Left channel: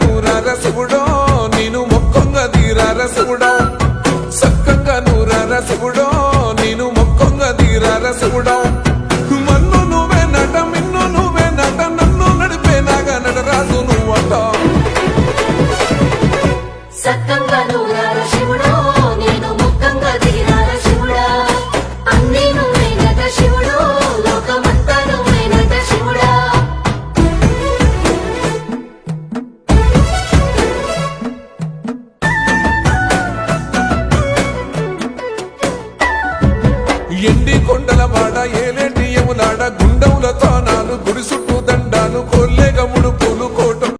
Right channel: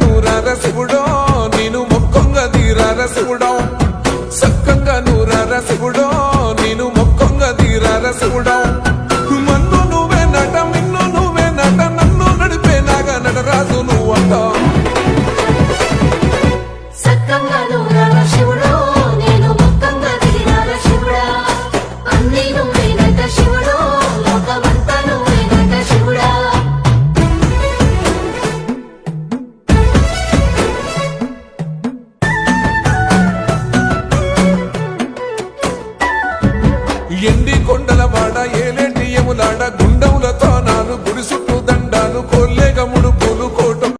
నూరార శివుడో నేను మొక్కొంగ తీరార శివుడో సక్కంగా నూరార శివుడో నేను మొక్కొంగ తీరార శివుడో మన్ను నువ్వే నట మిన్ను నువ్వే నట నన్ను నడిపే నాగా నటరాజు నువ్వంట ఎండి కొండల వాడ ఏలేటి యములాడ గుండముల తానాలు గుడి చుట్టూ దండాలు కొల్లేగ ముడుపు